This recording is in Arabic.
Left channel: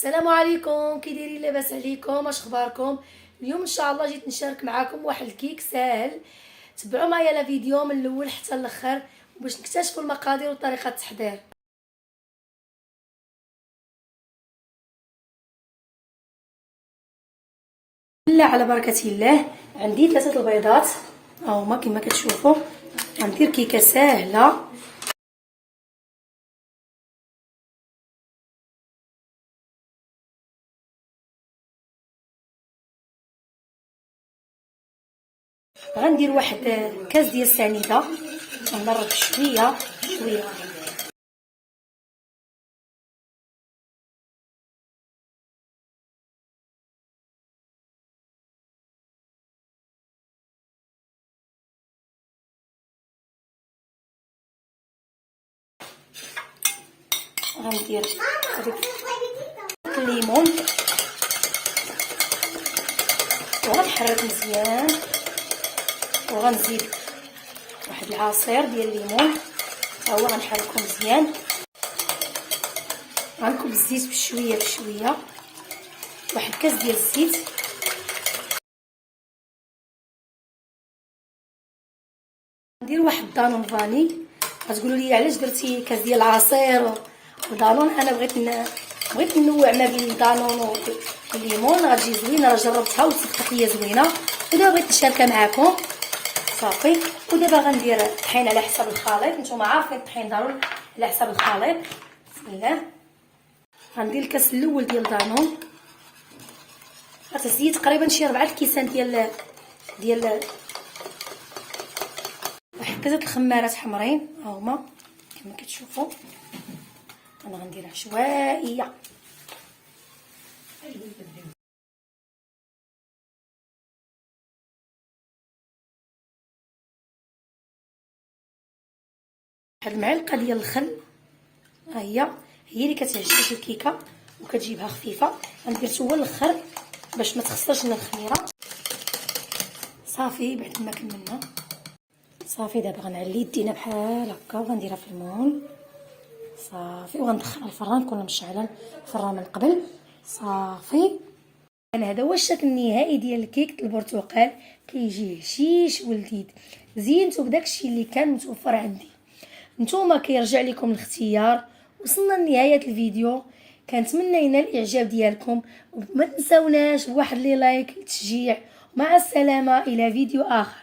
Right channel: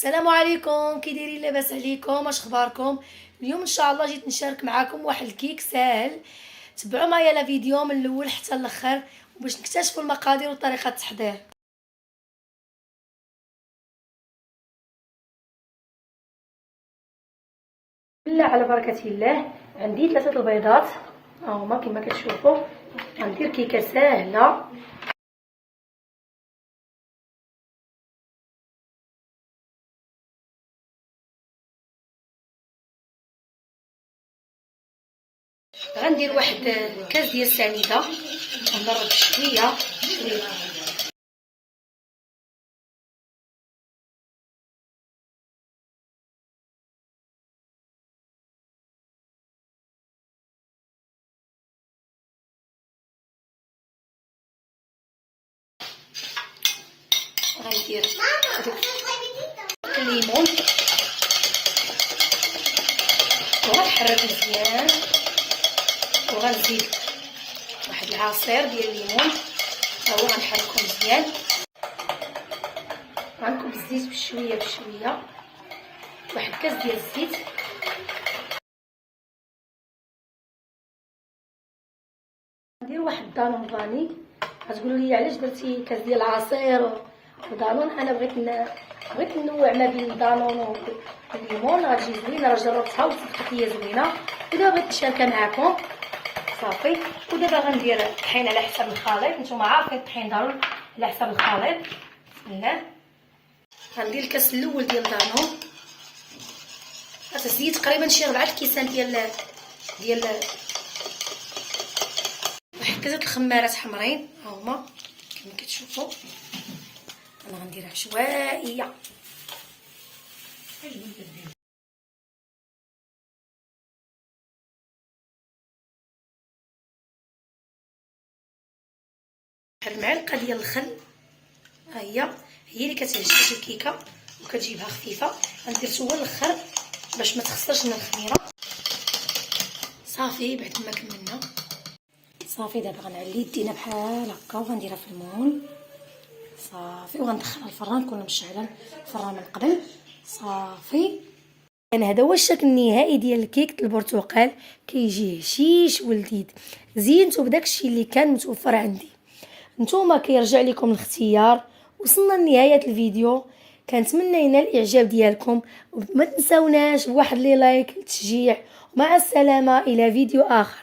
السلام عليكم، كي دايرين؟ لاباس عليكم؟ اش اخباركم؟ اليوم ان شاء الله جيت نشارك معكم واحد الكيك ساهل. تبعوا معايا لا فيديو من الاول حتى الاخر باش نكتشفوا المقادير وطريقه التحضير. بسم على بركه الله. عندي 3 البيضات هما كما كتشوفوا. غندير كيكه ساهله. غندير واحد كاس ديال السنيده ونضرب شويه شويه. غندير هذاك الليمون وغنحرك مزيان، وغنزيد واحد العصير ديال الليمون ها هو غنحركو مزيان. غنكب الزيت بشويه بشويه، واحد كاس ديال الزيت. ندير واحد دانون فاني. غتقولوا لي علاش درتي كاس ديال العصير ودانون؟ انا بغيت ننوع ما بين الدانون والليمون، غتجي زوينه. راه جربتها وصدقت ليا زوينه ودابا بغيت نشاركها معكم. صافي. ودابا غندير الطحين على حسب الخليط. نتوما عارفين الطحين ضروري على حسب الخليط. بسم الله. غندير الكاس الاول ديال دانون. غتزيد تقريبا شي 4 الكيسان ديال واحد 3 الخمارات حمرين ها هما كما كتشوفوا. انا غندير عشوائيه. واحد المعلقه ديال الخل ها هي اللي كتعجبني الكيكه وكتجيبها خفيفه. غندير حتى هو الاخر باش ما تخسرش من الخميره. صافي بعد ما كملنا. صافي دابا غنعلي يدينا بحال هكا وغنديرها في المول. صافي وغندخلها الفران. كنا مشعله الفران من قبل. صافي. انا هذا هو الشكل النهائي ديال الكيك البرتقال. كيجي هشيش ولذيذ. زينته بداك الشيء اللي كان متوفر عندي. نتوما كيرجع لكم الاختيار. وصلنا لنهايه الفيديو. كنتمنى ينال الاعجاب ديالكم وما تنساوناش بواحد لي لايك للتشجيع. مع السلامه الى فيديو اخر.